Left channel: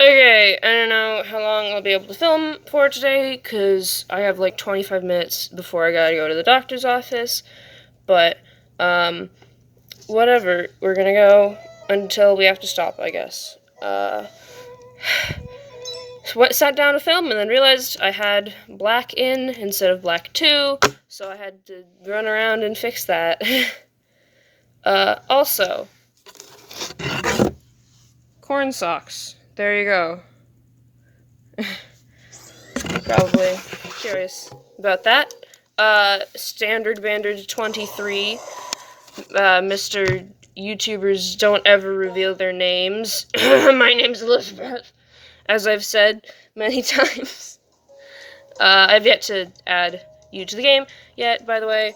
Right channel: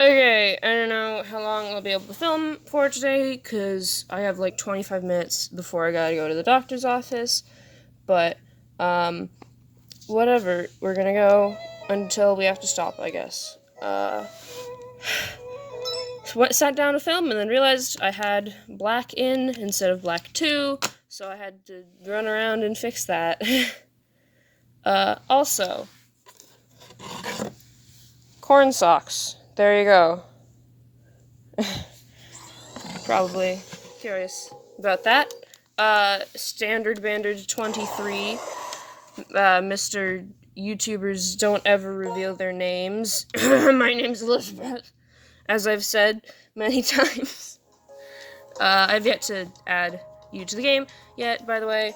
Okay, I don't know how long I'll be able to film for today, because I have like 25 minutes before I gotta go to the doctor's office, but, whatever, we're gonna go until we have to stop, I guess. Sat down to film and then realized I had black in instead of black 2, so I had to run around and fix that. Also, corn socks. There you go. Probably curious about that. Standard Bandage 23. Mr. YouTubers don't ever reveal their names. My name's Elizabeth, as I've said many times. I've yet to add you to the game yet, by the way.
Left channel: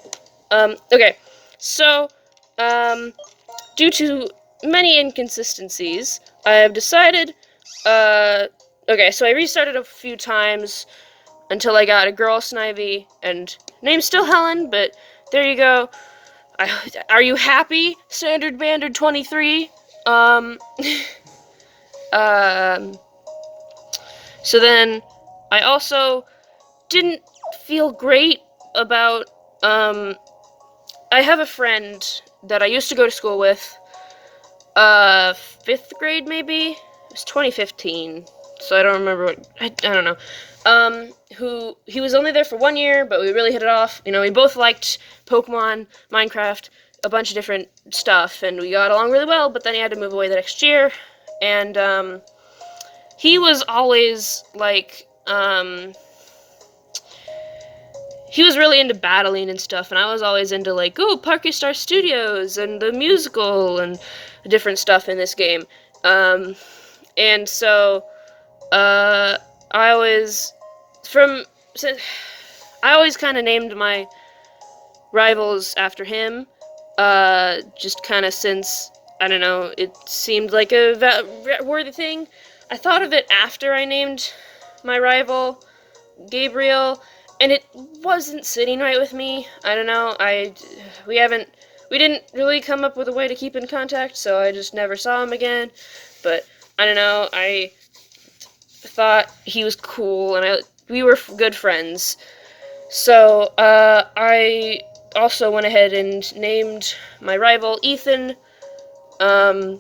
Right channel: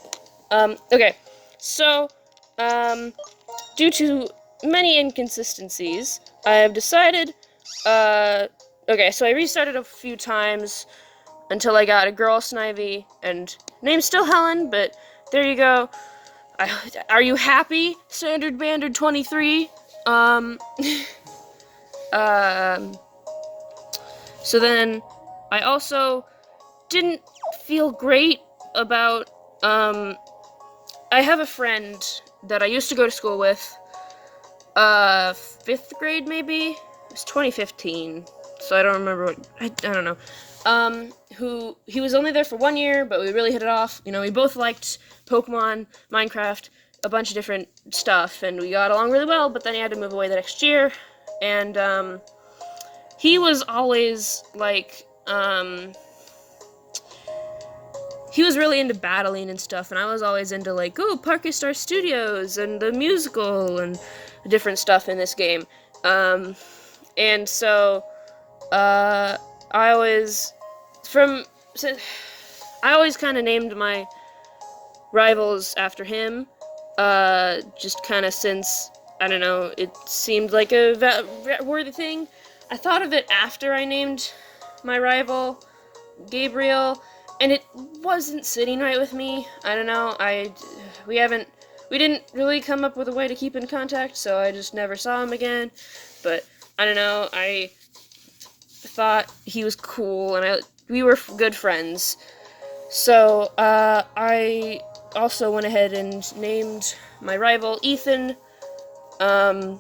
Okay. So, due to many inconsistencies, I have decided, okay, so I restarted a few times until I got a girl Snivy, and name's still Helen, but there you go. Are you happy, Standard Bandard 23? So then, I also didn't feel great about, I have a friend that I used to go to school with, 5th grade maybe? It's 2015, so I don't remember what, I don't know. He was only there for 1 year, but we really hit it off. You know, we both liked Pokemon, Minecraft, a bunch of different stuff, and we got along really well, but then he had to move away the next year, and, he was always, like, he was really into battling and stuff, and I was always into, like, Parky Star Studios, and the musical, and different stuff in this game. And so, I always kind of named my rivals after him, just kind of since, I don't know, it seemed like a worthy thing. I thought of it after I named my rival, Gabriel, and it wasn't sitting right with me. I don't know, we didn't really come up with a way to keep in contact, so I just never saw him again, but, I don't know, I thought he was cool, and we were good friends. So, I also went ahead and named my rival Ethan. So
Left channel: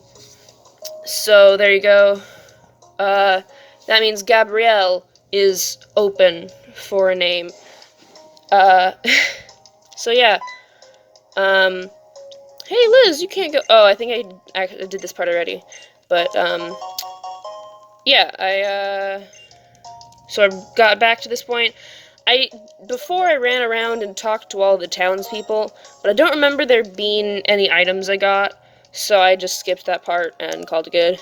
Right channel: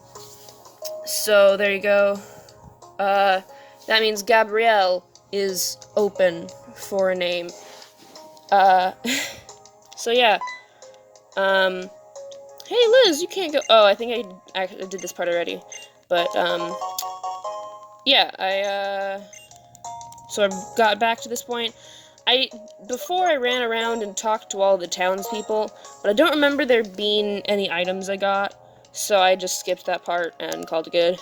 there you go. That means Gabrielle is open for a name. So yeah. Hey Liz, you can't go. Oh, I think I did this part already. But, yeah, so I got back to this point. Before I ran around and talked to all the townspeople, but I don't remember there being any items I got, so I just skipped that part and called it good.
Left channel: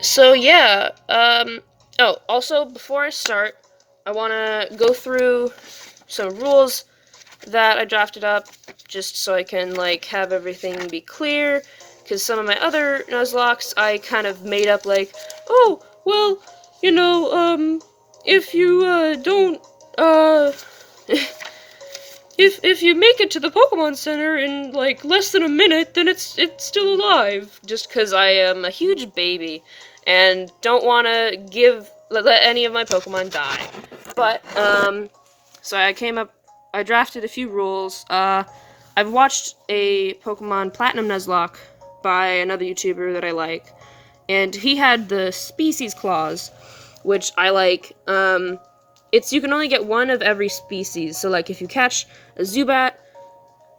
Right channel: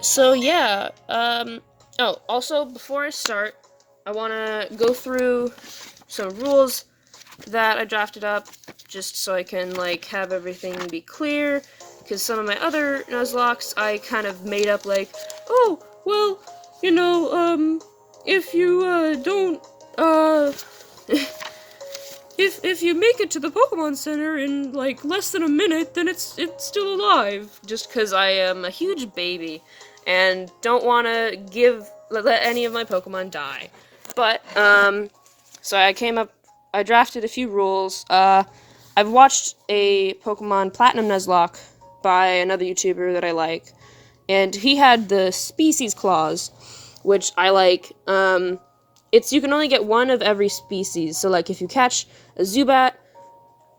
So yeah, oh, also, before I start, I want to go through some rules that I drafted up, just so I can, like, have everything be clear, because some of my other NuzLocks I kind of made up, like, oh, well, you know, if you, don't, if you make it to the Pokemon Center in, like, less than a minute, then it's still alive, just because I am a huge baby, and don't want to let any of my Pokemon die. But, so I drafted a few rules. I've watched a Pokemon Platinum Nuzlocke by another YouTuber that I like, and he had the species clause, which I like. You can only get one of every species, so, like, if you catch a Zubat,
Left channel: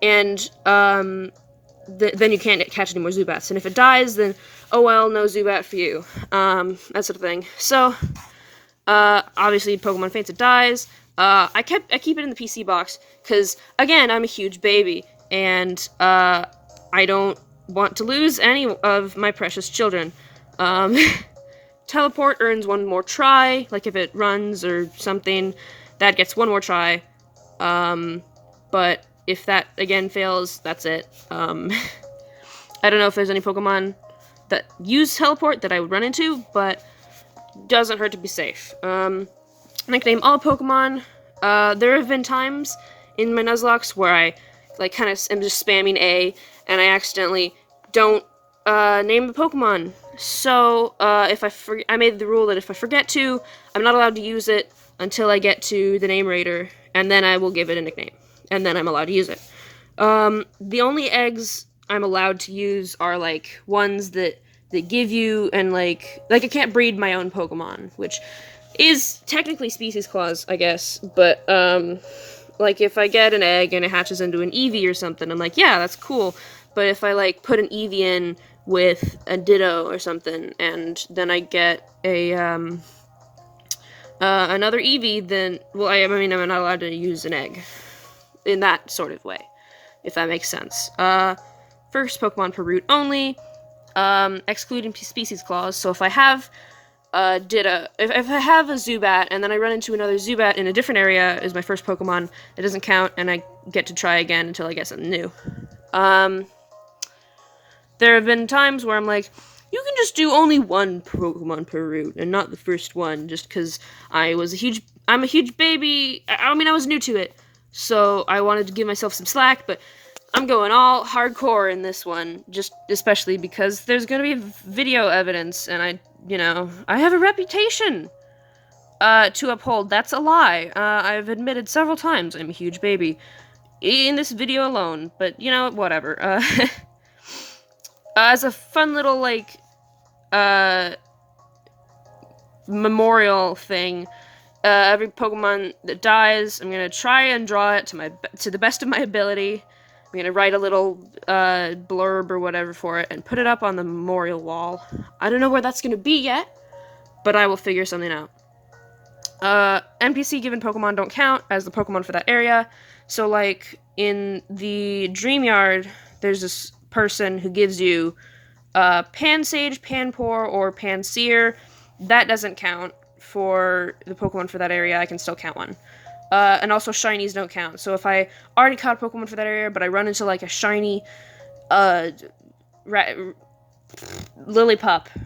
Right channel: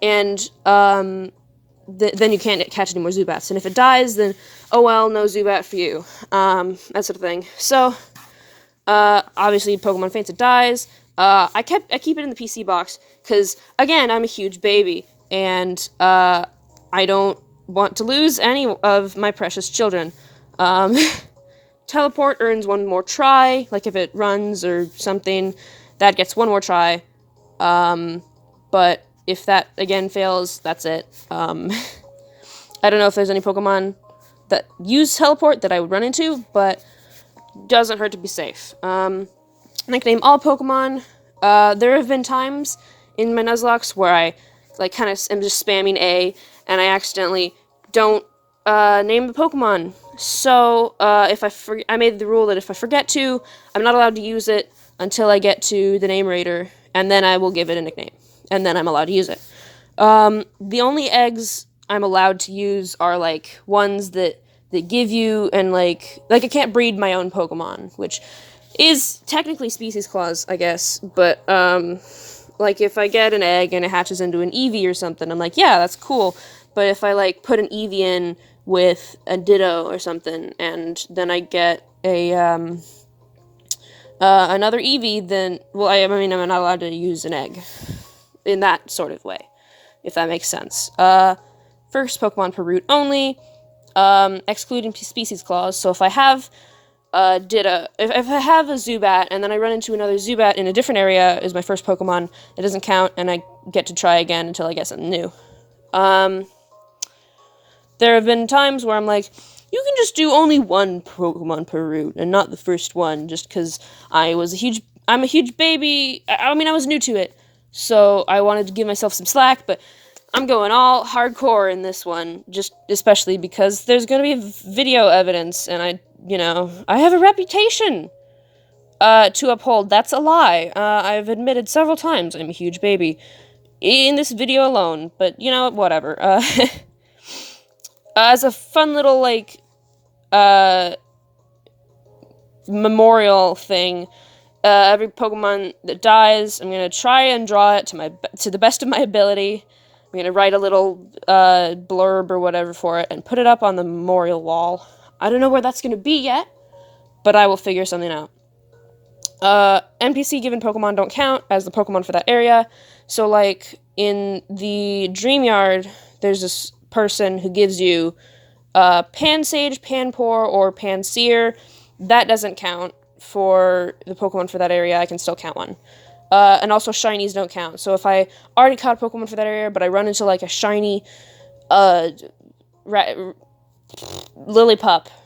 and, then you can't catch any more Zubats, and if it dies, then, oh well, no Zubat for you, that sort of thing. So, obviously, Pokemon faints, it dies. I keep it in the PC box, because, again, I'm a huge baby, and, I don't want to lose any of my precious children. Teleport earns one more try, like if it runs or something, that gets one more try. But if that, again, fails, that's it. I don't know if there's any Pokemon that use teleport that I would run into, but doesn't hurt to be safe. I can name all Pokemon. There have been times in my Nuzlocks where I, like, kind of am just spamming A, and I accidentally don't name the Pokemon. So, if I made the rule that if I forget to, I'm not allowed to use it until I get to the name rater, and then I will give it a nickname, and then I'm allowed to use it. The only eggs I'm allowed to use are, like, ones that give you, and, like, I can't breed my own Pokemon, which is technically species clause, I guess, but, like, if I get an egg and it hatches into an Eevee or something, I'm like, yeah, that's cool, but if I, like, put an Eevee in with a Ditto or something, and then I get a, another Eevee, then, well, I mean, I'm not allowed to use an egg in that sort of way, if that makes sense. First Pokemon per route only, excluding species clause, so if I have Ditto, if I have a Zubat, and then I run into another Zubat in a different area as my first Pokemon, it doesn't count, and I get to try again until I get something new. There have been times where I'm like, you can just do only one Pokemon per route, and not the first one, just because I'm a huge baby. I mean, I was new to it, so I wanted to give myself some slack, but I'm going all hardcore in this one, just especially because there's gonna be video evidence, and I have a reputation to uphold. That's a lie. I've admitted several times I'm a huge baby in this video alone, but, whatever. As a fun little, like, memorial thing, every Pokemon that dies, I'm gonna try and draw it to the best of my ability. I'm gonna write a little blurb or whatever for it and put it up on the memorial wall. I don't know where that's gonna be yet, but I will figure something out. NPC given Pokemon don't count as the Pokemon for that area. So, like, in the Dream Yard, there's this person who gives you Pansage, Panpour, or Pansear. That doesn't count for the Pokemon for that area. I can still count one. And also shinies don't count. So if I already caught a Pokemon for that area, but I run into, like, a shiny Lillipup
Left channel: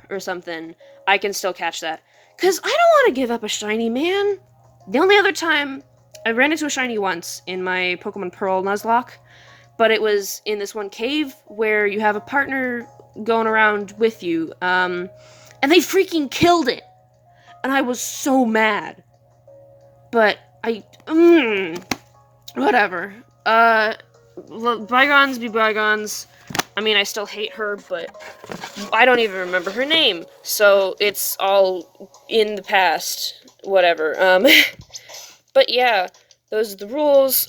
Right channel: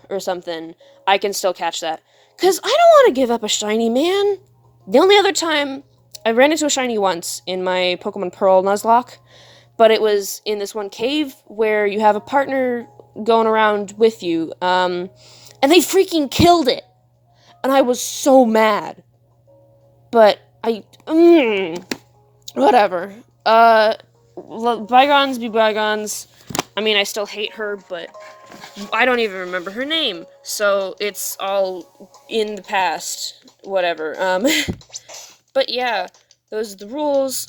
or something, I can still catch that. Because I don't want to give up a shiny, man. The only other time I ran into a shiny once in my Pokemon Pearl NuzLocke, but it was in this one cave where you have a partner going around with you, and they freaking killed it. And I was so mad. But whatever. Bygones be bygones. I mean, I still hate her, but I don't even remember her name, so it's all in the past. Whatever. But yeah, those are the rules.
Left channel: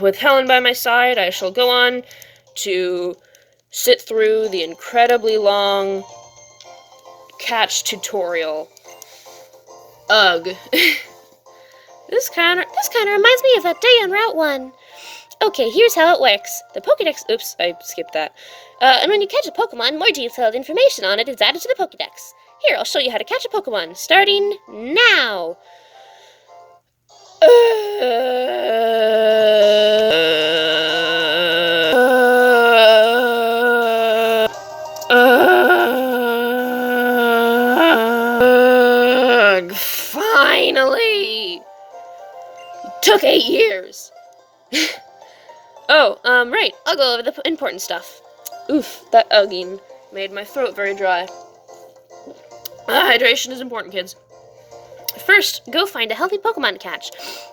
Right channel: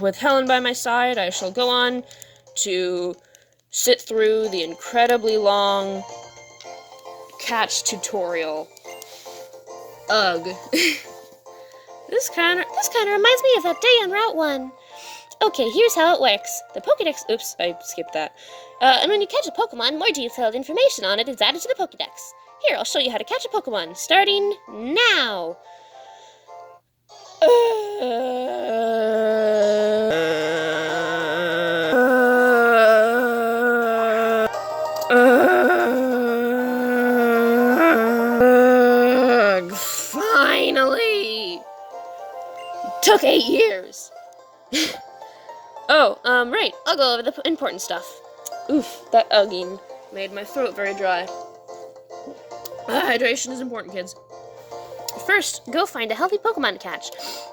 With Helen by my side, I shall go on to sit through the incredibly long catch tutorial. Ugh. This kind of reminds me of that day on Route 1. Okay, here's how it works. The Pokédex... Oops, I skipped that. And when you catch a Pokemon, more detailed information on it is added to the Pokédex. Here, I'll show you how to catch a Pokemon, starting now. Finally! Took 8 years. Oh, right. I'll go over the important stuff. Oof, that ugging made my throat very dry. Hydration is important, kids. First, go find a healthy Pokemon to catch.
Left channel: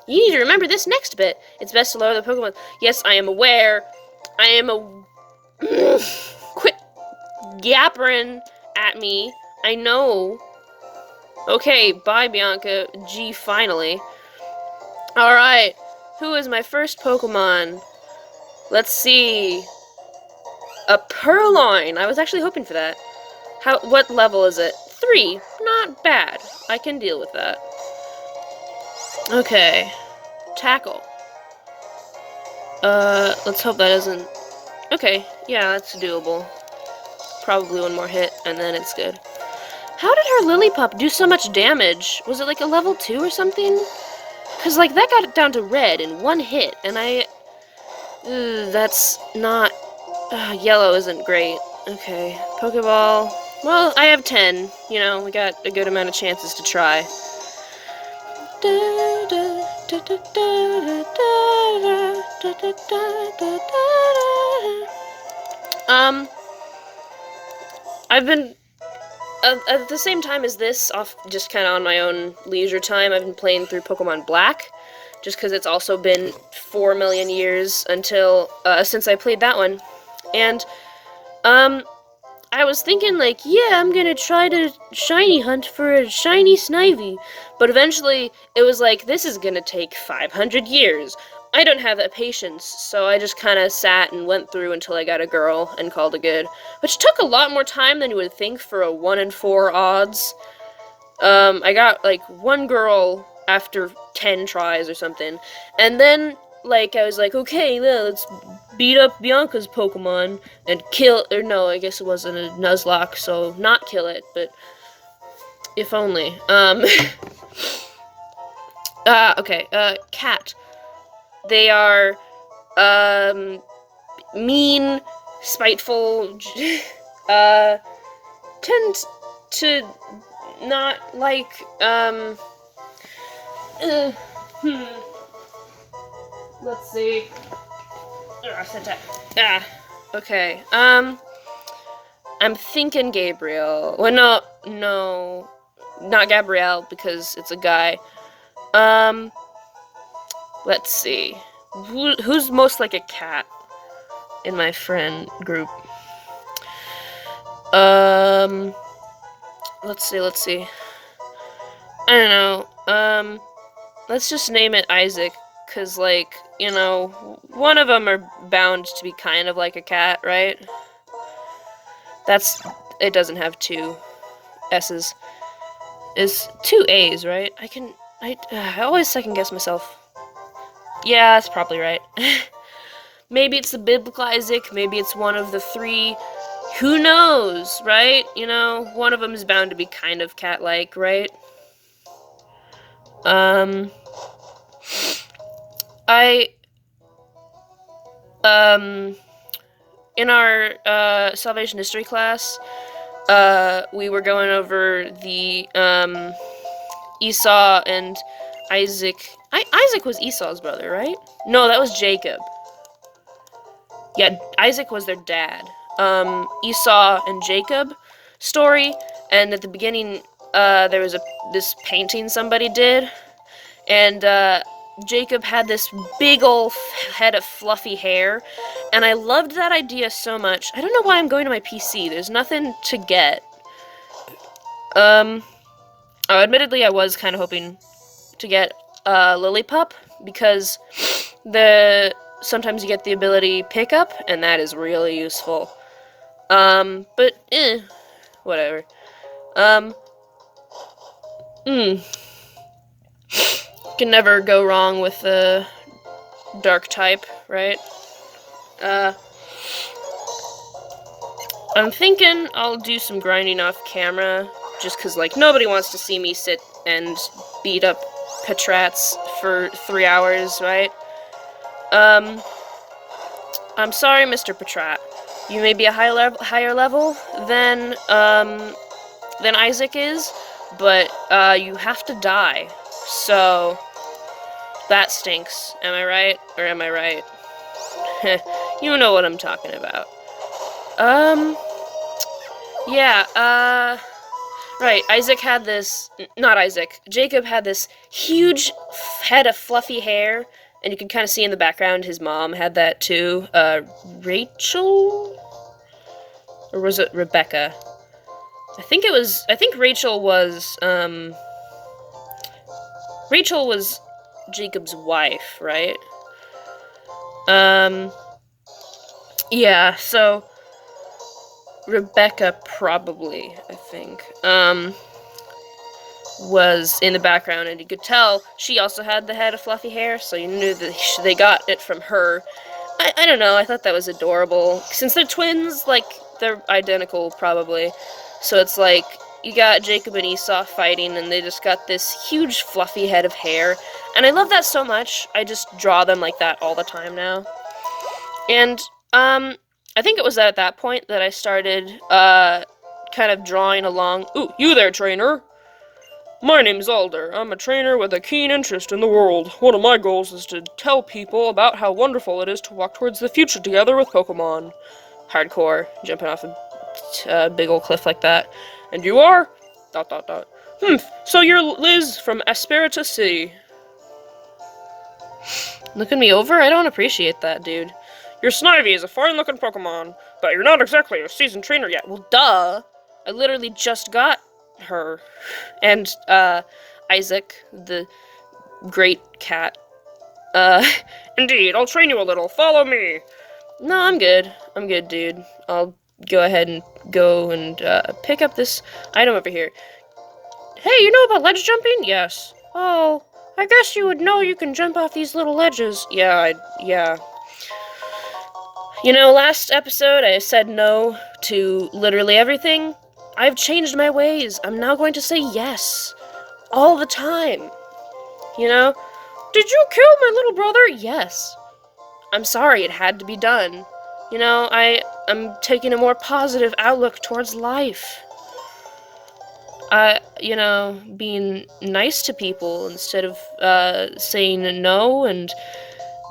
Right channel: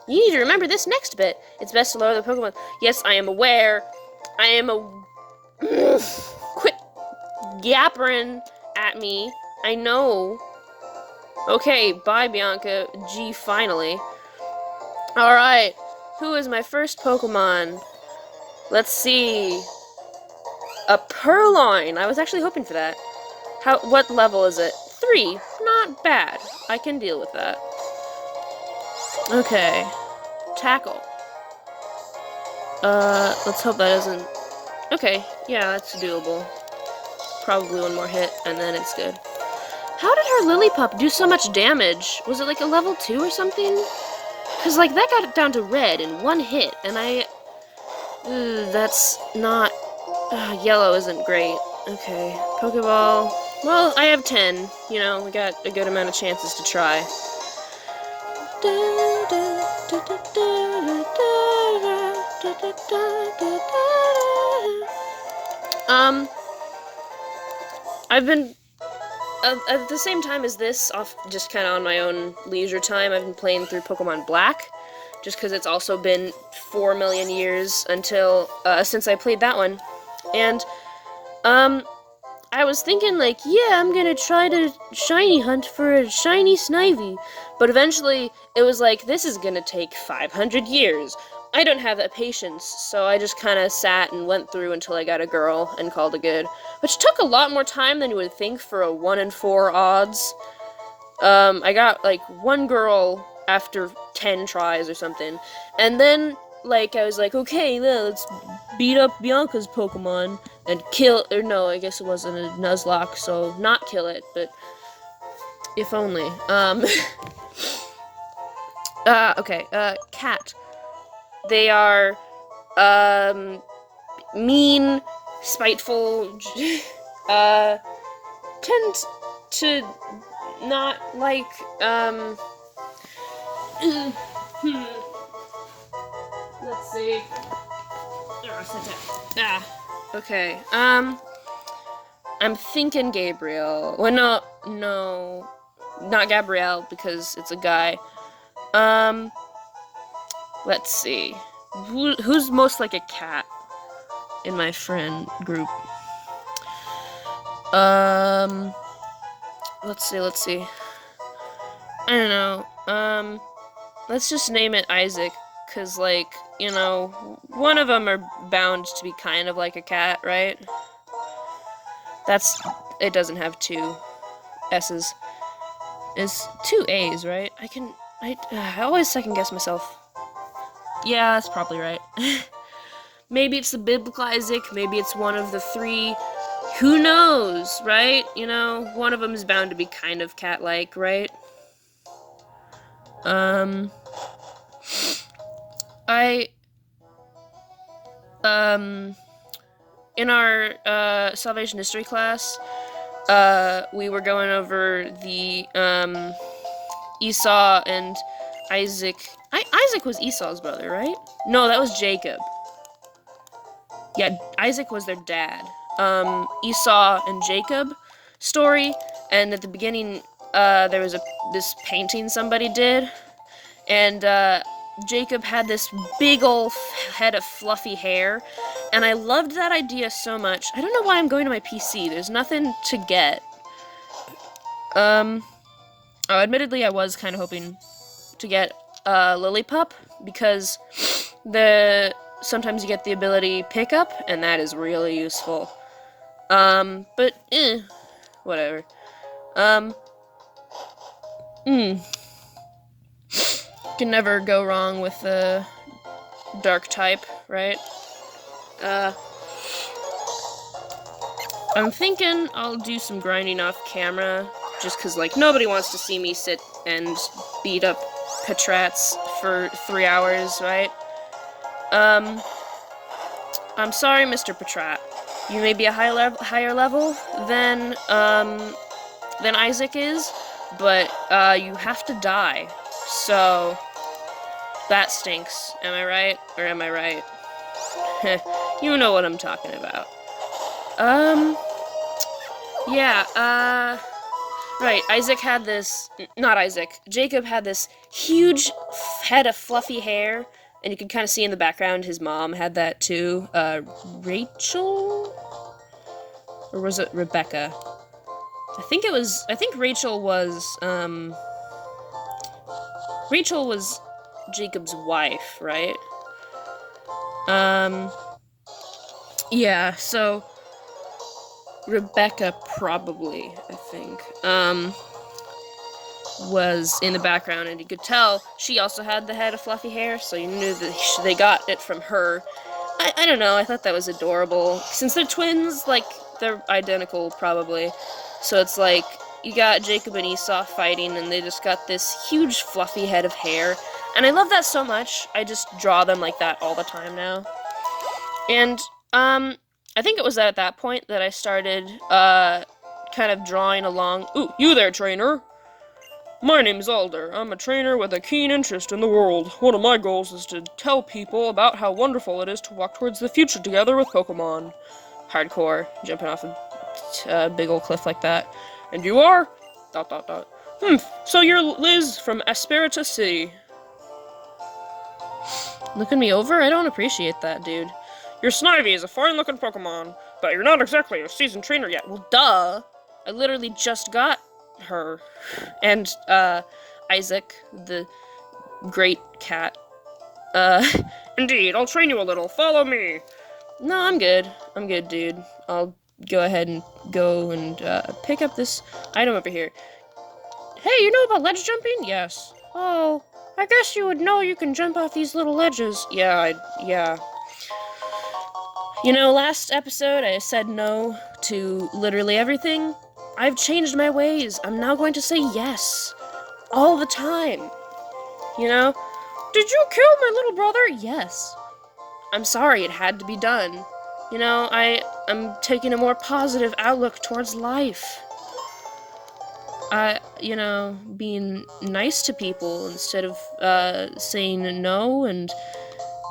You need to remember this next bit. It's best to lower the Pokemon. Yes, I am aware. I am a... Quit yappering at me. I know. Okay, bye, Bianca. Gee, finally. Alright, who is my first Pokemon? Let's see. A Purloin. I was actually hoping for that. What level is it? 3. Not bad. I can deal with that. Okay. Tackle. Let's hope that isn't... Okay, yeah, that's doable. Probably one more hit, and then it's good. How did her Lillipup do so much damage? Was it like a level 2 or something? Because, like, that got it down to red in one hit, and that's not... yellow isn't great. Okay, Pokeball. Well, I have 10. You know, we got a good amount of chances to try. I've been at the same time as this, off just kind of on my own leisure time, I've been playing through Pokemon Black, just because it's also been 4 million years until since I played that one, and I was thinking like, yeah, I'm gonna try to shiny hunt for a shiny Snivy, but eventually it was like, this is gonna take 500 years. I don't have that patience, so I just kind of sat and went through until I got a girl and called it good. Which took a lot more time than you would think for a 1 in 4 odds. I got, like, one girl after 10 tries or something. And then, like, I was like, okay, let's beat up Bianca's Pokemon and kill, or no, I guess it wasn't a Nuzlocke, so not kill it, but if only. Okay, Cat. They are, mean, spiteful, tend to not like, let's see. Okay, I'm thinking Gabriel. Well, no, not Gabrielle, because it's a guy. Let's see. Who's most like a cat in my friend group? Let's see. I don't know. Let's just name it Isaac, cause like, you know, one of them are bound to be kind of like a cat, right? It doesn't have 2 S's. It's 2 A's, right? I always second guess myself. Yeah, that's probably right. Maybe it's the biblical Isaac, maybe it's one of the 3. Who knows, right? You know, one of them is bound to be kind of cat-like, right? In our, Salvation History class, we were going over the, Esau and Isaac. Isaac was Esau's brother, right? No, that was Jacob. Yeah, Isaac was their dad. Esau and Jacob story, and at the beginning, there was this painting somebody did, and, Jacob had this big ol' head of fluffy hair, and I loved that idea so much. I don't know why I'm going to my PC. There's nothing to get. Admittedly, I was kind of hoping to get Lillipup, because sometimes you get the ability Pickup, and that is really useful. But, whatever. Can never go wrong with the dark type, right? I'm thinking I'll do some grinding off camera, just because, like, nobody wants to see me sit and beat up Patrats for 3 hours, right? I'm sorry, Mr. Patrat. You may be a higher level than Isaac is, but, you have to die. So, that stinks. Am I right? Or am I right? You know what I'm talking about. Yeah, right, Jacob had this huge head of fluffy hair, and you can kind of see in the background his mom had that too. Rachel? Or was it Rebecca? I think Rachel was Jacob's wife, right? Yeah, so Rebecca probably, I think, was in the background, and you could tell she also had the head of fluffy hair, so you knew that they got it from her. I don't know, I thought that was adorable. Since they're twins, like, they're identical, probably. So it's like, you got Jacob and Esau fighting, and they just got this huge fluffy head of hair. And I love that so much, I just draw them like that all the time now. And, I think it was at that point that I started, kind of drawing along. Ooh, you there, trainer! My name's Alder. I'm a trainer with a keen interest in the world. One of my goals is to tell people about how wonderful it is to walk towards the future together with Pokemon. Hardcore, jumping off a big old cliff like that. And you are? ... So you're Liz from Aspirita City. Looking me over? I don't appreciate that, dude. Your Snivy is a fine-looking Pokemon, but you're not exactly a seasoned trainer yet. Well, duh! I literally just got her. And, Isaac, the great cat. Indeed, I'll train you a little. Follow me! No, I'm good. I'm good, dude. I'll go ahead and pick up this item over here. Hey, you know about ledge jumping? Yes. Oh, I guess you would know you can jump off these little ledges. Yeah. You know, last episode I said no to literally everything. I've changed my ways. I'm now going to say yes. All the time. You know? Did you kill my little brother? Yes. I'm sorry, it had to be done. You know, I'm taking a more positive outlook towards life. You know, being nice to people instead of, saying no and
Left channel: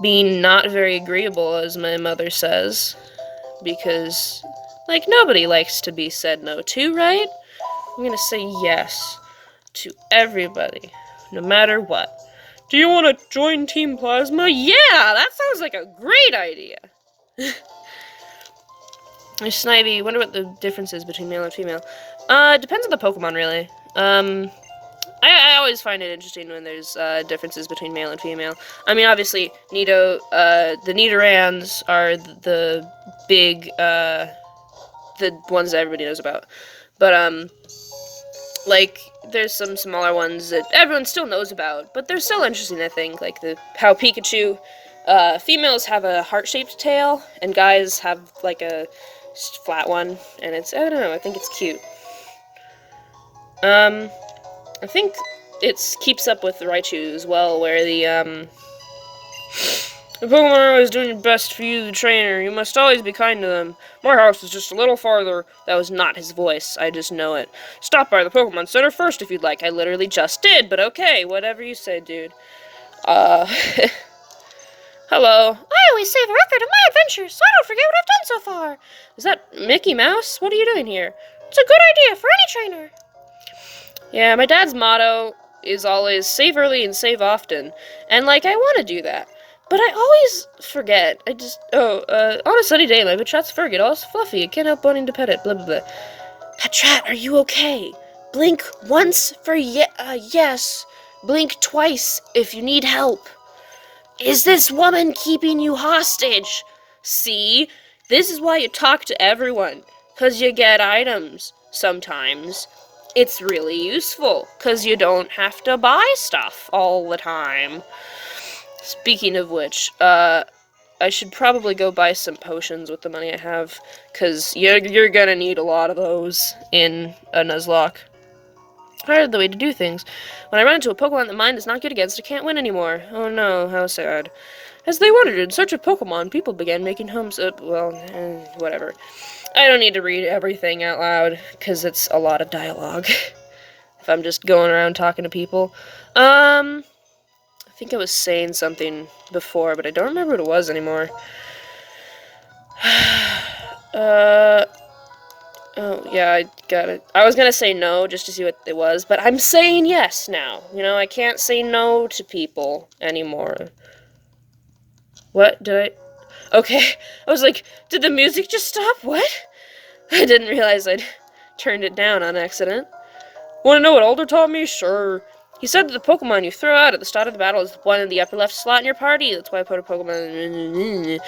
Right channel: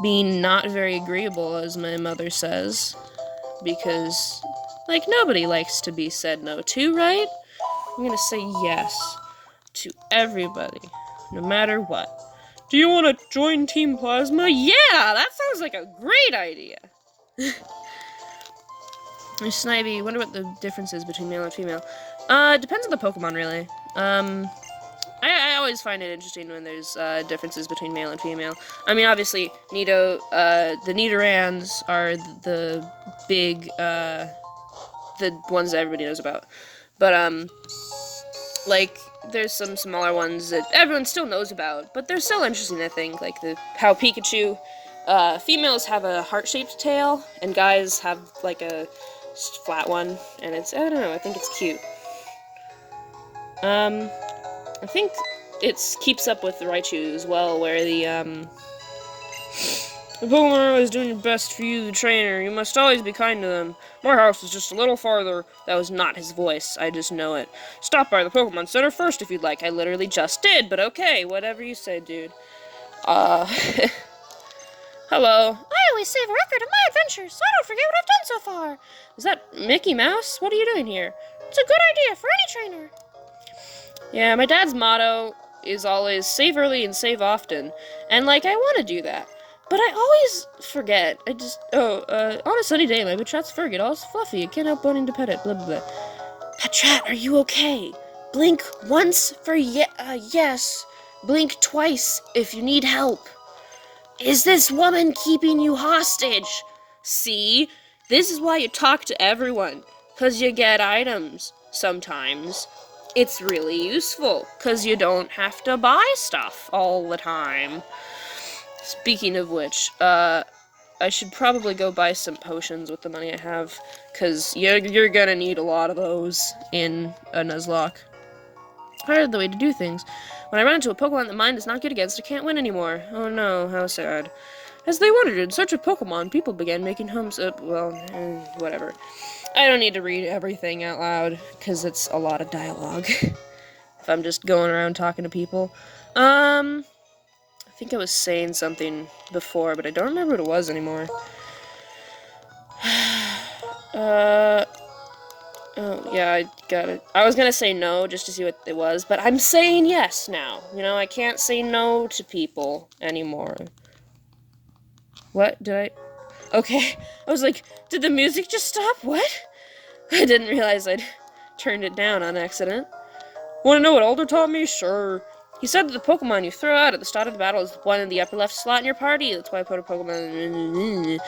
being not very agreeable, as my mother says. Because, like, nobody likes to be said no to, right? I'm gonna say yes to everybody, no matter what. Do you want to join Team Plasma? Yeah, that sounds like a great idea. Snivy, wonder what the difference is between male and female. It depends on the Pokemon, really. I always find it interesting when there's, differences between male and female. I mean, obviously, the Nidorans are the big, the ones that everybody knows about. But, like, there's some smaller ones that everyone still knows about, but they're still interesting, I think. Like, how Pikachu, females have a heart-shaped tail, and guys have, like, a flat one, and it's, I don't know, I think it's cute. I think it keeps up with the Raichu as well, where the Pokemon are always doing your best for you, the trainer. You must always be kind to them. My house is just a little farther. That was not his voice. I just know it. Stop by the Pokemon Center first if you'd like. I literally just did, but okay. Whatever you say, dude. Hello. I always save a record of my adventures, so I don't forget what I've done so far. Is that Mickey Mouse? What are you doing here? It's a good idea for any trainer. Yeah, my dad's motto is always save early and save often. And, like, I want to do that. But I always forget. I just, on a sunny day, my Patrat's fur get all fluffy. I can't help wanting to pet it, blah, blah, blah. Patrat, are you okay? Blink once for yes. Blink twice if you need help. Is this woman keeping you hostage? See? This is why you talk to everyone. 'Cause you get items. Sometimes. It's really useful. 'Cause you don't have to buy stuff all the time. Speaking of which, I should probably go buy some potions with the money I have, because you're gonna need a lot of those in a NuzLocke. I heard the way to do things. When I run into a Pokemon that mine is not good against, I can't win anymore. Oh no, how sad. As they wandered in search of Pokemon, people began making homes up, whatever. I don't need to read everything out loud, because it's a lot of dialogue. If I'm just going around talking to people. I think I was saying something before, but I don't remember what it was anymore. Oh, yeah, I got it. I was gonna say no, just to see what it was, but I'm saying yes now. You know, I can't say no to people anymore. What? Did I? Okay. I was like, did the music just stop? What? I didn't realize I'd turned it down on accident. Wanna know what Alder taught me? Sure. He said that the Pokemon you throw out at the start of the battle is one in the upper left slot in your party. That's why I put a Pokemon...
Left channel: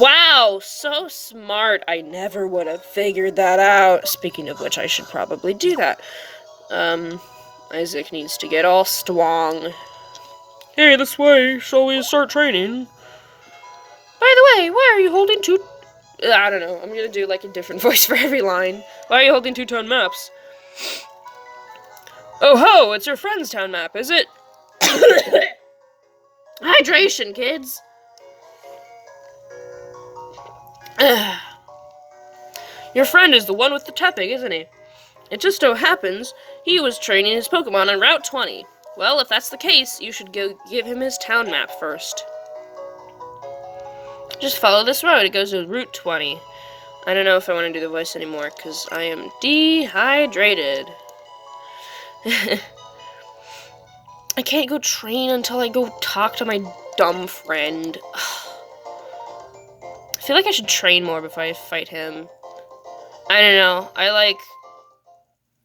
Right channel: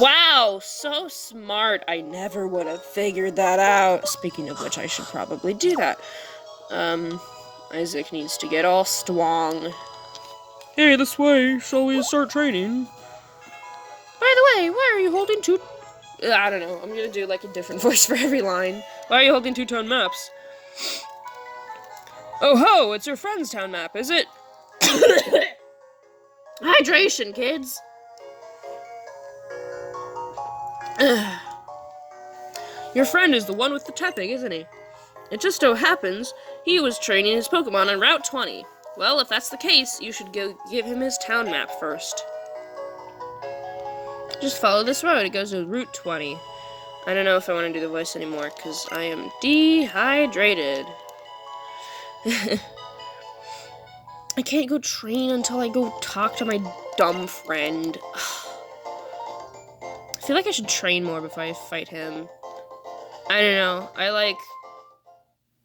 Wow, so smart. I never would have figured that out. Speaking of which, I should probably do that. Isaac needs to get all strong. Hey, this way. Shall we start training? By the way, why are you holding two... I don't know. I'm gonna do, like, a different voice for every line. Why are you holding two town maps? Oh ho, it's your friend's town map, is it? Hydration, kids! Your friend is the one with the tapping, isn't he? It just so happens he was training his Pokemon on Route 20. Well, if that's the case, you should go give him his town map first. Just follow this road, it goes to Route 20. I don't know if I want to do the voice anymore, because I am dehydrated. I can't go train until I go talk to my dumb friend. I feel like I should train more before I fight him. I don't know. I like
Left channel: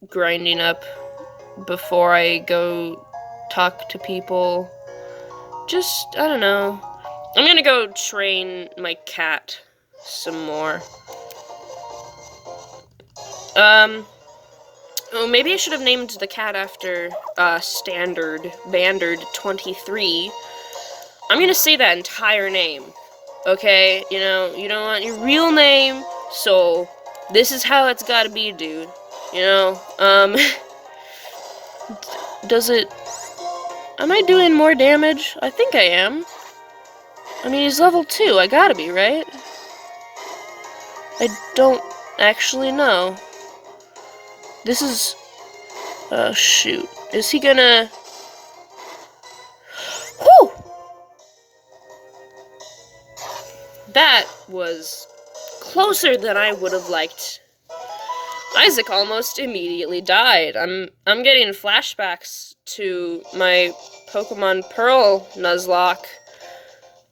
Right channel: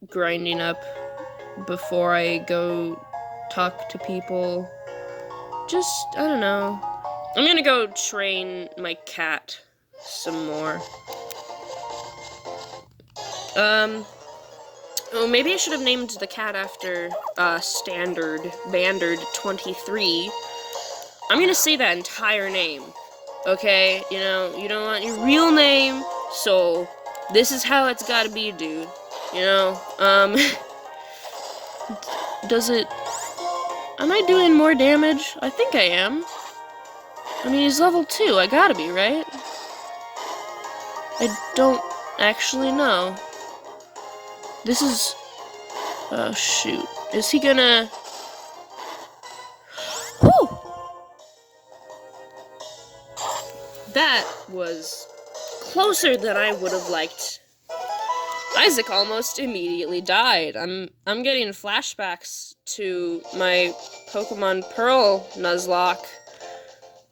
grinding up before I go talk to people. Just, I don't know. I'm gonna go train my cat some more. Oh, maybe I should have named the cat after, Standard Bandard 23. I'm gonna say that entire name, okay? You don't want your real name, so this is how it's gotta be, dude. You know, does it... Am I doing more damage? I think I am. I mean, he's level 2, I gotta be, right? I don't actually know. This is... Oh, shoot. Is he gonna... Whew! That was closer than I would have liked. Isaac almost immediately died. I'm getting flashbacks to my Pokemon Pearl Nuzlocke.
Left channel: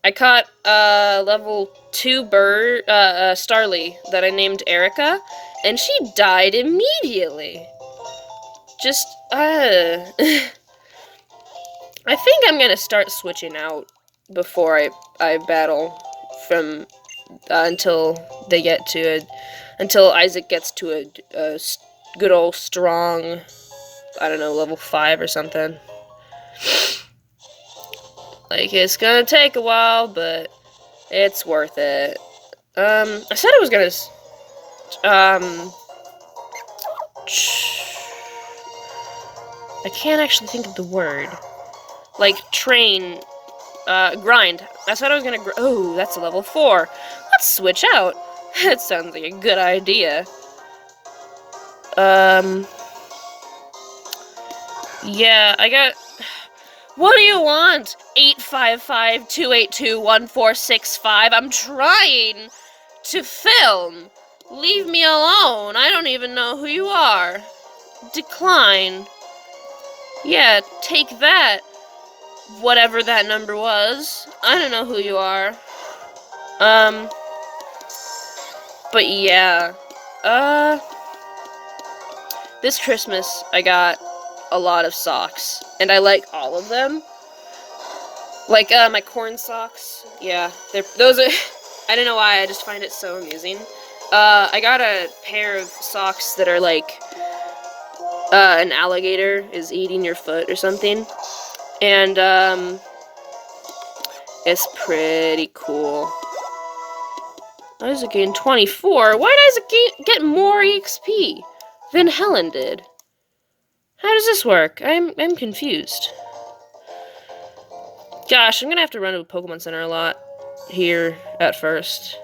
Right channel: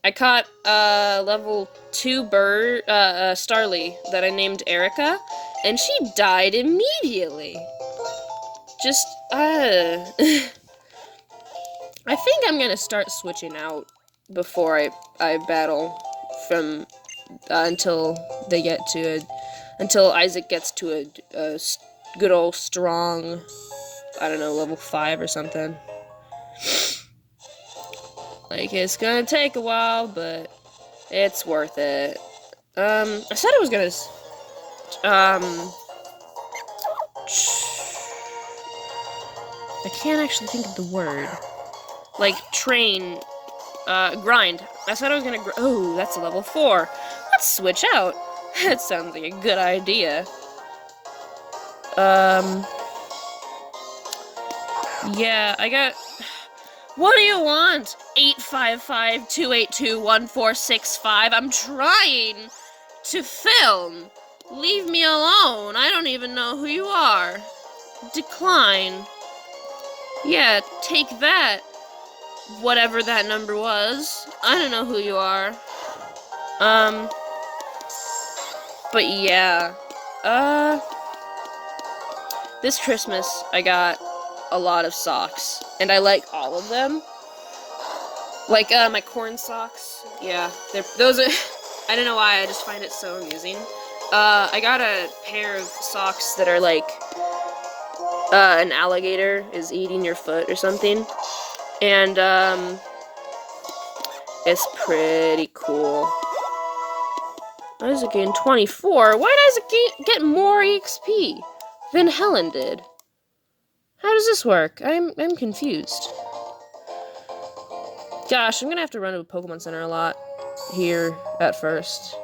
I caught a level 2 bird, Starly that I named Erica, and she died immediately. Just, I think I'm gonna start switching out before I battle from, until Isaac gets to a good old strong, I don't know, level 5 or something. Like, it's gonna take a while, but it's worth it. I said I was gonna, I can't actually think of the word. Like, train, grind. I said I was gonna oh, that's a level 4. Let's switch out. That sounds like a good idea. Yeah, I got... What do you want? 855-282-1465. I'm trying to film. Leave me alone. I don't even know who you are. Decline. Yeah, take that. Whatever that number was. I don't know who you are. But yeah. This Christmas, I got a lot of socks. And I like all of them. Like, my corn socks. Yeah, those are... I don't know why, I just find it so amusing. I got a pair of socks that are like... an alligator is eating your foot or something. And, it's pretty cool. Isaac gained 24? Why does it get more EXP than Helen did? How does this work? I'm confused. Gosh, I'm gonna have to run to a Pokemon Center a lot here at first.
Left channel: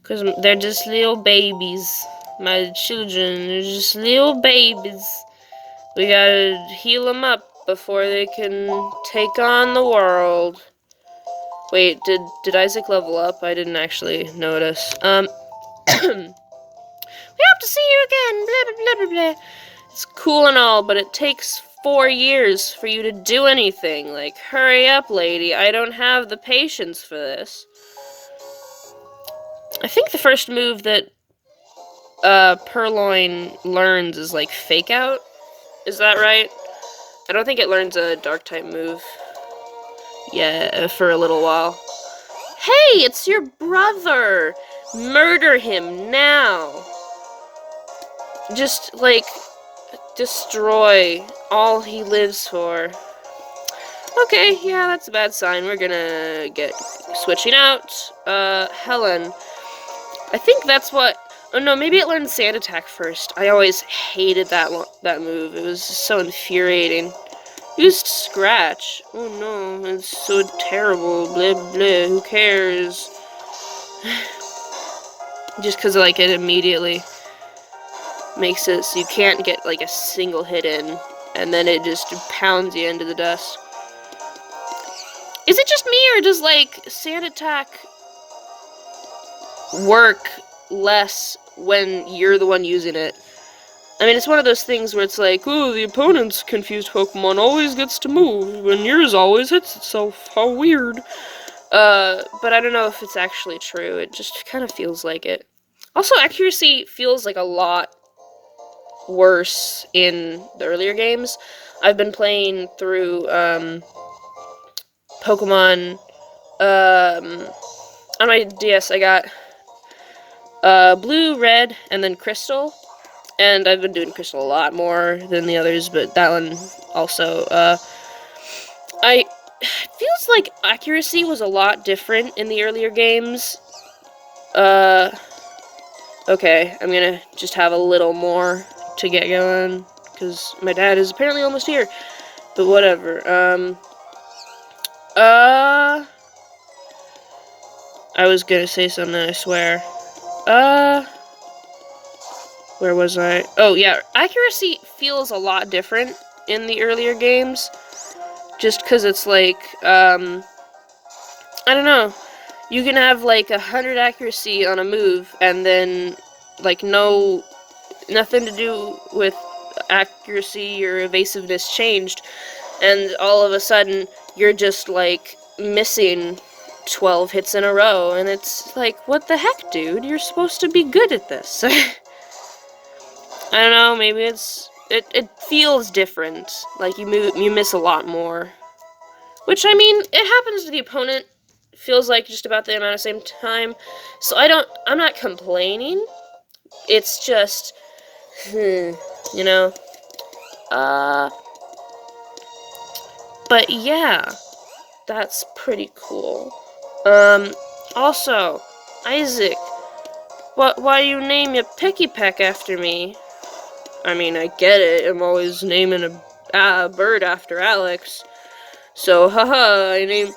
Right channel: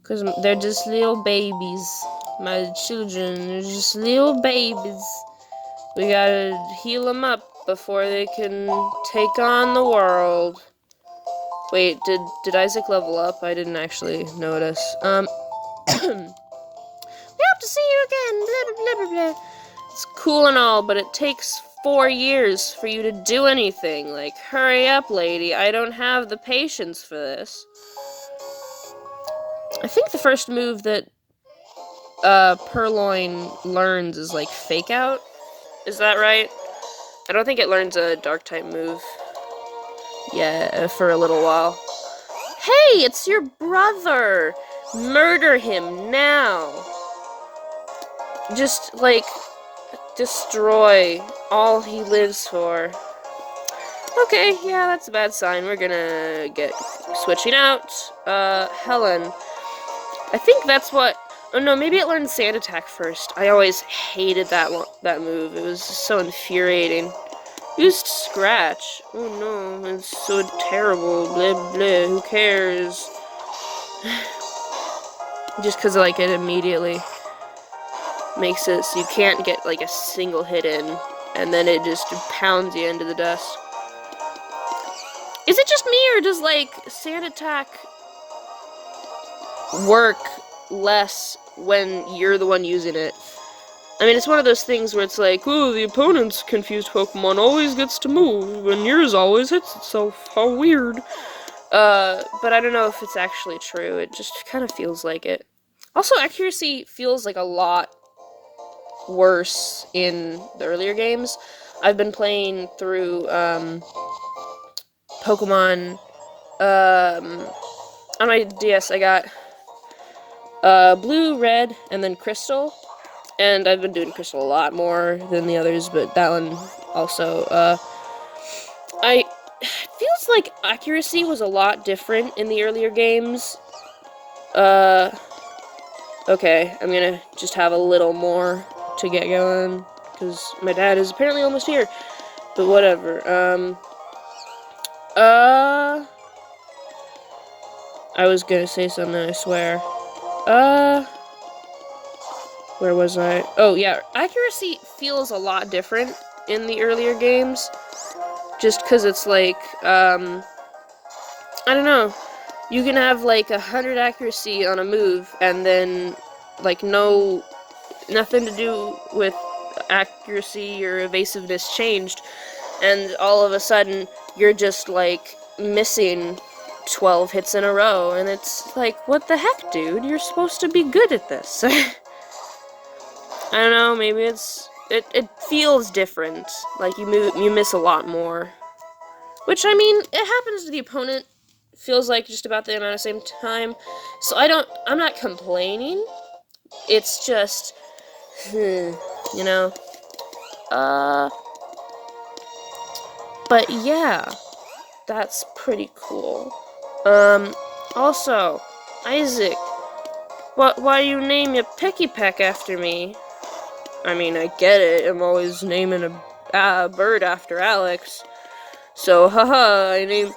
Because they're just little babies. My children are just little babies. We gotta heal them up before they can take on the world. Wait, did Isaac level up? I didn't actually notice. We hope to see you again, blah, blah, blah, blah, blah. It's cool and all, but it takes 4 years for you to do anything. Like, hurry up, lady. I don't have the patience for this. I think the first move that Purloin learns is, like, Fake Out. Is that right? I don't think it learns a Dark-type move. Yeah, for a little while. Hey, it's your brother! Murder him now! Just, like, destroy all he lives for. Okay, yeah, that's a bad sign. We're gonna get switching out. Helen. I think that's what... Oh no, maybe it learned Sand Attack first. I always hated that move. It was so infuriating. Used Scratch. Oh no, it's so terrible. Blah blah, who cares? Just because, like, it immediately makes it so you can't get, like, a single hit in, and then it just pounds you into the dust. Is it just me, or does, like, Sand Attack work less when you're the one using it. I mean, it's one of those things where it's like, oh, the opponent's confused Pokemon always gets to move, when yours always hits itself. How weird. But I don't know if it's actually true. It just kind of feels like it. Also, accuracy feels like a lot worse in the earlier games. I've been playing through, Pokemon, on my DS, I got, Blue, Red, and then Crystal. And I've been doing Crystal a lot more than the others, but that one also, feels like accuracy was a lot different in the earlier games. Okay, I'm gonna just have a little more to get going, because my dad is apparently almost here. But whatever, I was gonna say something, I swear. Where was I? Oh, yeah, accuracy feels a lot different in the earlier games, just because it's like, I don't know, you can have, like, 100 accuracy on a move, and then, like, nothing to do with accuracy or evasiveness changed, and all of a sudden, you're just, like, missing 12 hits in a row, and it's like, what the heck, dude? You're supposed to be good at this. I don't know, maybe it feels different. Like, you miss a lot more. Which, I mean, it happens to the opponent. Feels like just about the amount of same time. So I'm not complaining. It's just, you know. But yeah, that's pretty cool. Also, Isaac, why you name your Picky Peck after me? I mean, I get it, I'm always naming a bird after Alex. So, haha, I named,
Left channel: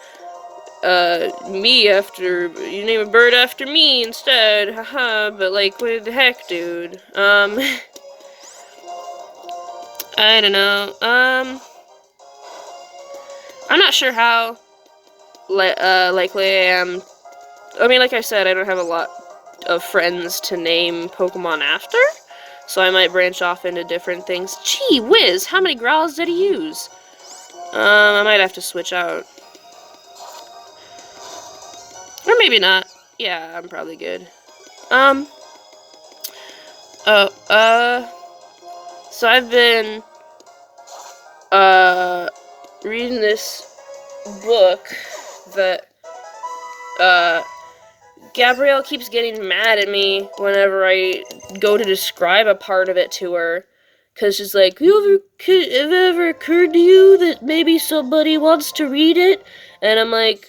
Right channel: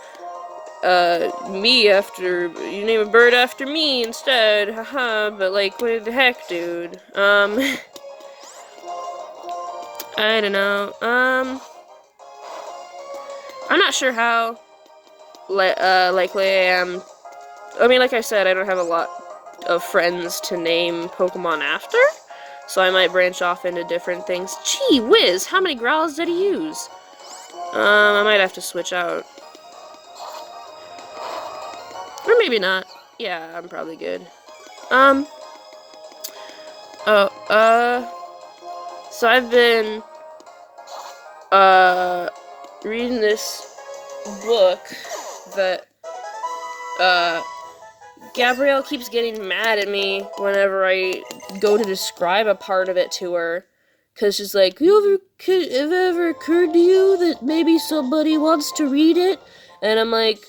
me after, you name a bird after me instead, haha, but like, what the heck, dude? I don't know, I'm not sure how, likely I am. I mean, like I said, I don't have a lot of friends to name Pokemon after, so I might branch off into different things. Gee whiz, how many growls did he use? I might have to switch out. Or maybe not. Yeah, I'm probably good. So I've been, reading this book that, Gabrielle keeps getting mad at me whenever I go to describe a part of it to her. Because she's like, have it ever occurred to you that maybe somebody wants to read it? And I'm like,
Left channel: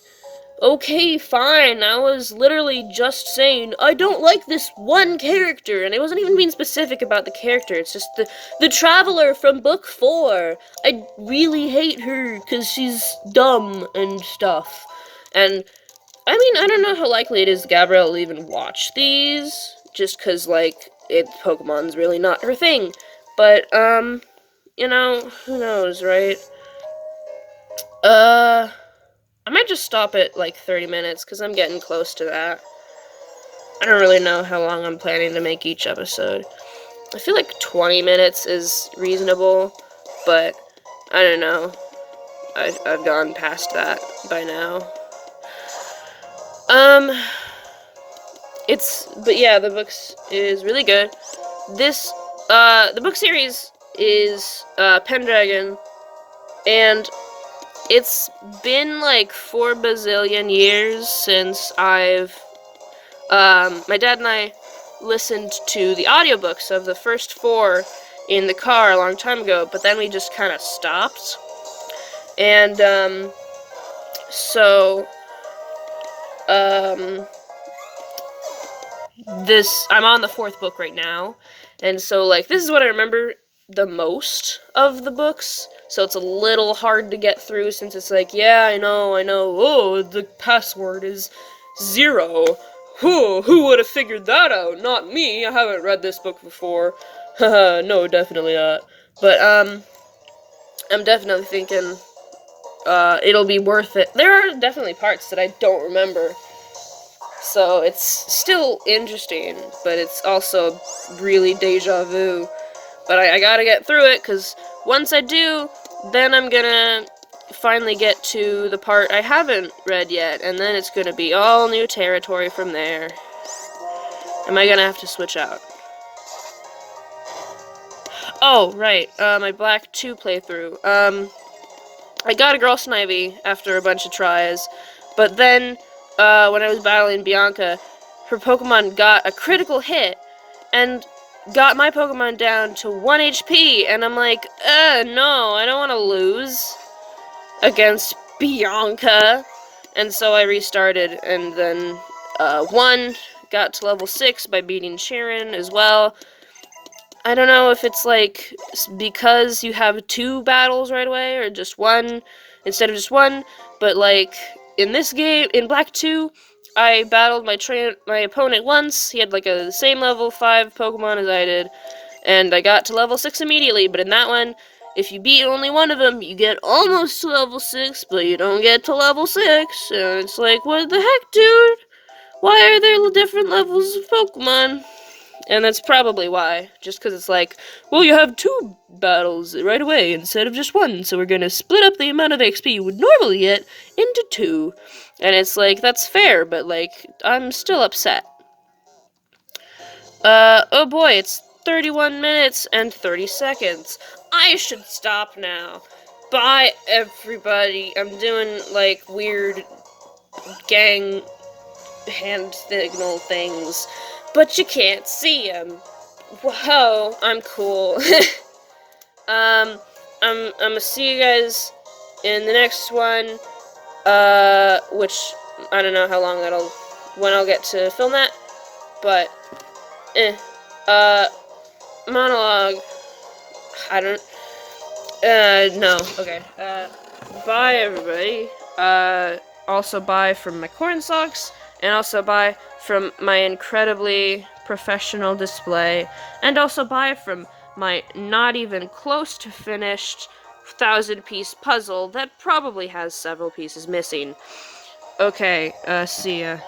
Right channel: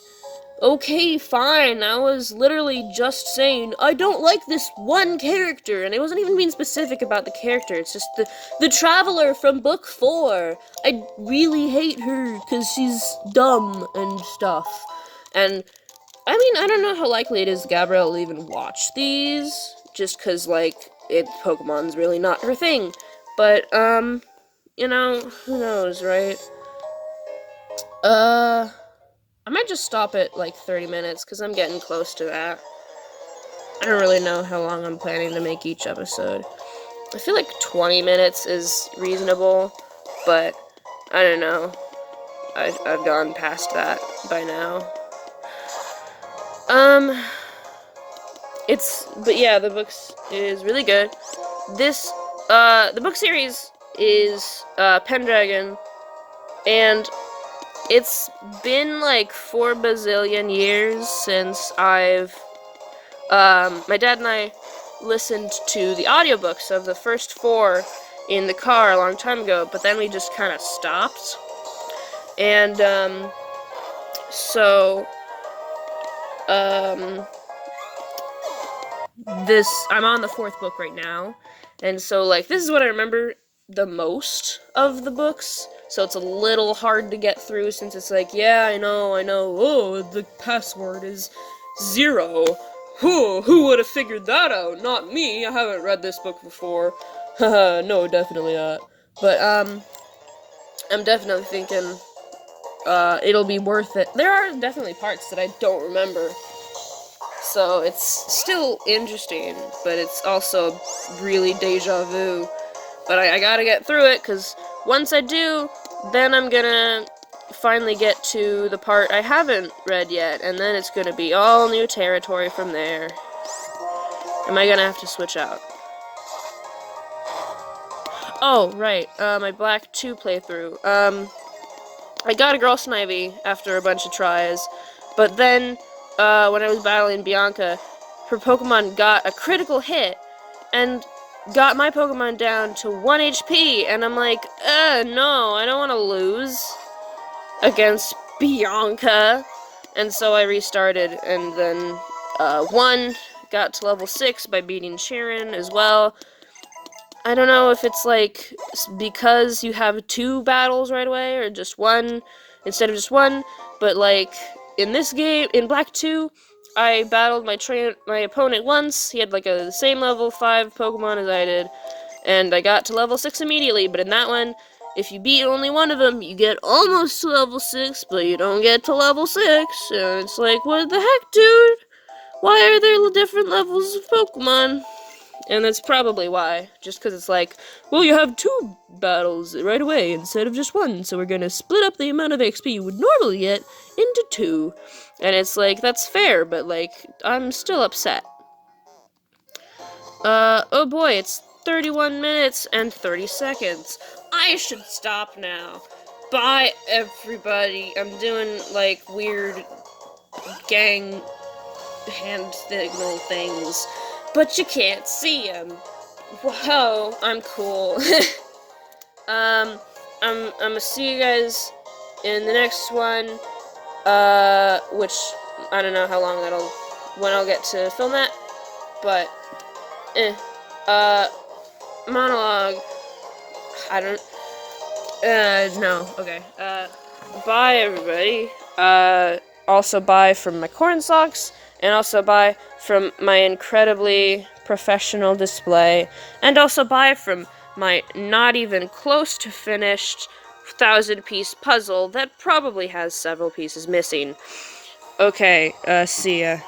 okay, fine. I was literally just saying, I don't like this one character. And I wasn't even being specific about the character. It's just the traveler from book 4. I really hate her because she's dumb and stuff. And I mean, I don't know how likely it is Gabrielle will even watch these, just because, like, Pokemon's really not her thing. But, you know, who knows, right? I might just stop at, like, 30 minutes, because I'm getting close to that. I don't really know how long I'm planning to make each episode. I feel like 20 minutes is reasonable, but I don't know. I've gone past that by now. But yeah, the books is really good. The book series is, Pendragon, and it's been like 4 bazillion years since my dad and I listened to the audiobooks of the first 4 in the car a long time ago, but then we just kind of stopped. And, I'm on the 4th book right now, and so, like, this is what I remember the most of the books, so it's a little hard to get through, since it's like, yeah, I know, oh, the password is 0. Who would have figured that out? Not me, I haven't read this book before. Haha, no, definitely not. But, I'm definitely thinking, it'll be worth it. There are definitely parts that I don't remember. So it's still interesting, but it's also really deja vu. But I gotta get through it, because once I do, then I'm gonna finally get to the part I haven't read yet, and then it's gonna be all new territory from there. Am I gonna have to switch out? Oh, right, my Black 2 playthrough. I got a Girl Snivy after a bunch of tries, but then, when I was battling Bianca, her Pokemon got a critical hit, and got my Pokemon down to 1 HP, and I'm like, no, I don't want to lose against Bianca. And so I restarted, and then, won, got to level 6 by beating Sharon as well. I don't know if it's, like, because you have 2 battles right away, or just 1, instead of just 1, but, like, in this game, in Black 2, I battled my opponent once. He had, like, the same level 5 Pokemon as I did, and I got to level 6 immediately, but in that one, if you beat only one of them, you get almost to level 6, but you don't get to level 6, and it's like, what the heck, dude? Why are there different levels of Pokemon? And that's probably why. Just because it's like, well, you have 2 battles right away instead of just 1, so we're gonna split up the amount of XP you would normally get into 2. And it's like, that's fair, but, like, I'm still upset. Oh boy, it's 31 minutes and 30 seconds. I should stop now. Bye, everybody. I'm doing, like, weird gang hand signal things, but you can't see them. Whoa, I'm cool. I'm gonna see you guys in the next one, which, I don't know how long when I'll get to film that, but, monologue, I don't, no, okay, bye, everybody. Also bye from my corn socks, and also bye from my incredibly professional display, and also bye from my not even close to finished 1,000-piece puzzle that probably has several pieces missing. Okay, see ya.